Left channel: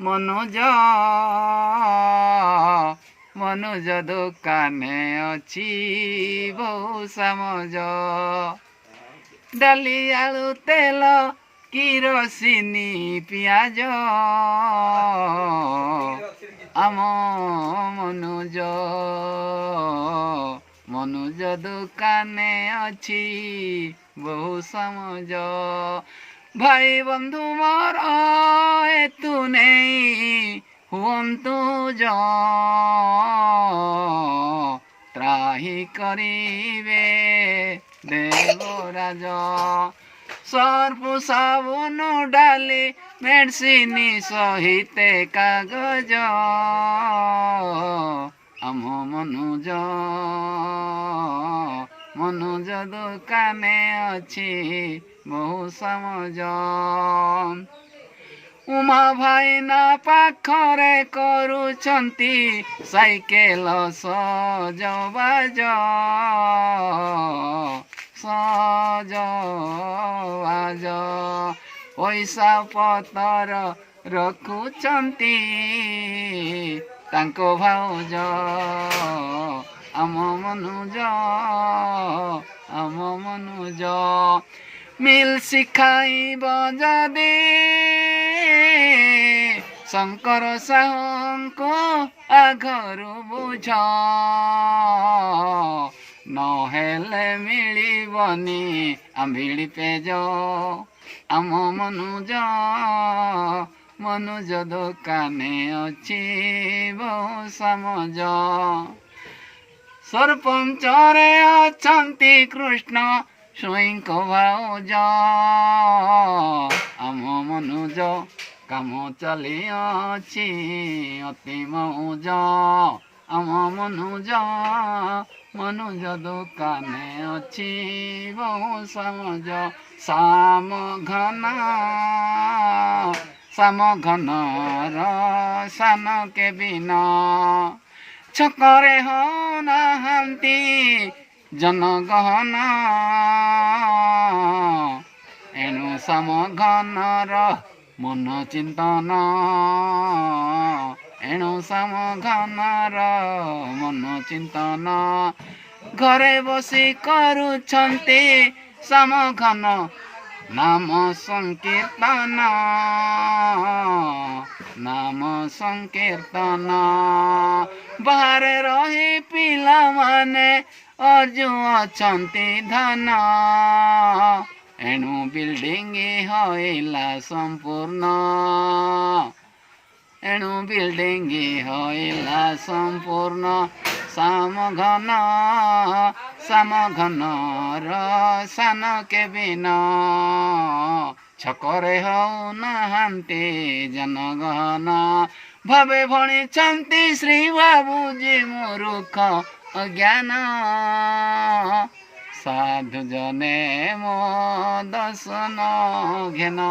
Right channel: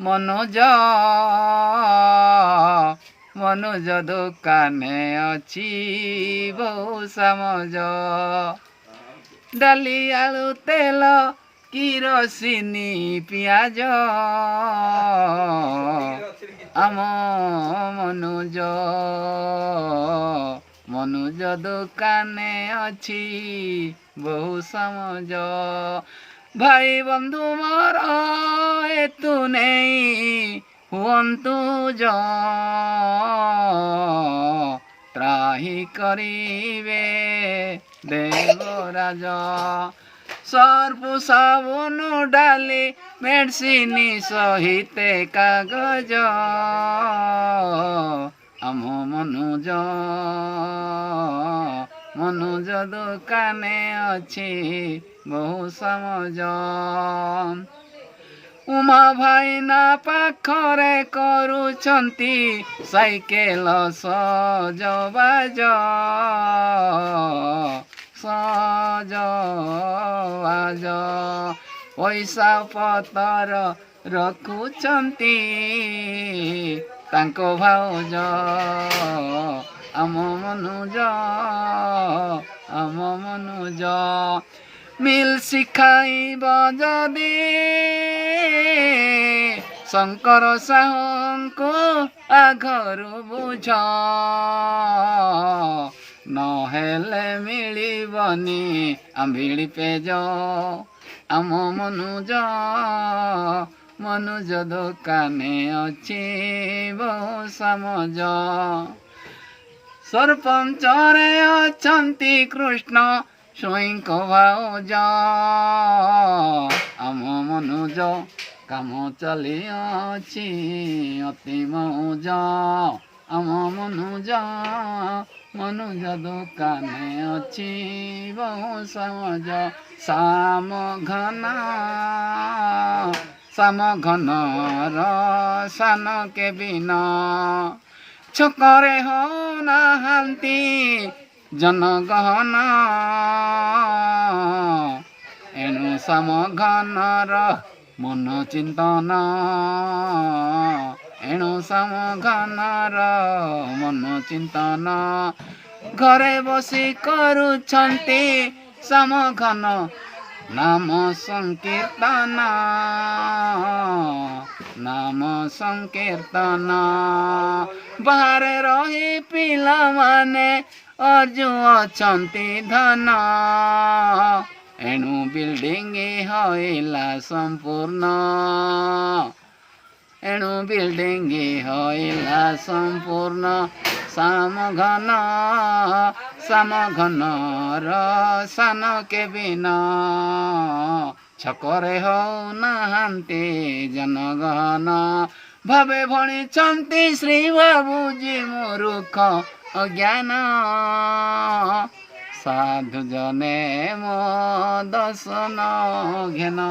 ମନୁଜ ମନୁଜ ଦୋକାନେ ଅଛି ବହୁ ସାମଜ ଡାଲି ଆଳୁ ତେଲ କିରୋସିନି ପିଆଜ ଆମ ମନୁଜ ଦୋକାନେ ଅଛି ବହୁ ସାମଜ ଭାଇ ବନ୍ଧୁ ମୋର ଏତୁ ନେଇ ହୁଅନ୍ତୁ ତ୍ରାହି କରିବେ ଦେବରାଜ ସର୍ଫ ସାବୁନ ଡାଲି ମେଡିସିନ ସହିତେ କାଗଜ ଆମ ମନୁଜ ଦୋକାନେ ଅଛି ବହୁ ସାମଜ ଉମା ଭାଇନା ପାଖରେ କରୁଛନ୍ତି ସାଇକେଲ ସଜବାଜ ପଇସା ପତର ରଖୁଛନ୍ତି ତାଙ୍କ ଭାଉଜ ଆମ ମନୁଜ ମିଲ୍ ଶିଖାଇବ ଯଦି ଶଙ୍କର ସାହୁଙ୍କୁ ଆଘରୁ ବୁଝ ନହେଲେ ମିଳିବନି ଆମ୍ବିଳି ପେଜ ଆମ ମନୁଜ ଦୋକାନେ ଅଛି ବହୁ ସାମଜ ସରପଞ୍ଚରେ ଅଛନ୍ତି କୃଷ୍ଣ ସ୍ୱାଇଁଙ୍କ ଭାଉଜ ଆମ ମନୁଜ କାମ ଚାଲିଅଛି ଅତି ମଉଜ ଆମ ମନୁଜ ଦୋକାନେ ଅଛି ବହୁ ସାମଜ ସାମଘନର ସାନ କେବିନ ଛକରେ ହଉନାହାନ୍ତି ଜନଗହନ ଏଣୁ ସାମଘନର ମନ ଚିନ୍ତନ ଘରେ ବସି କରୁଛନ୍ତି ସାମଘନ ନାମ ସଂକୀର୍ତ୍ତନ ବାହାରେ ରହି ପିଲାମାନେ ଅର୍ଜୁଅଛନ୍ତି ଧନ ଏଣୁ ବିଲ୍ଡିଂ ହଇଲା ସମ୍ପୂର୍ଣ୍ଣ ସାମଘନର ସାନ କେବିନ ଛକରେ ହଉନାହାନ୍ତି ଜନଗହନ ଭାବେ ଭଣିଛନ୍ତି ଶ୍ରୀ ବାବୁଜୀ ମୂରୁଖ ଅଜ୍ଞାନ ସାଧୁ ଜନେ ମୋ ଦର୍ଶନ ଘେନ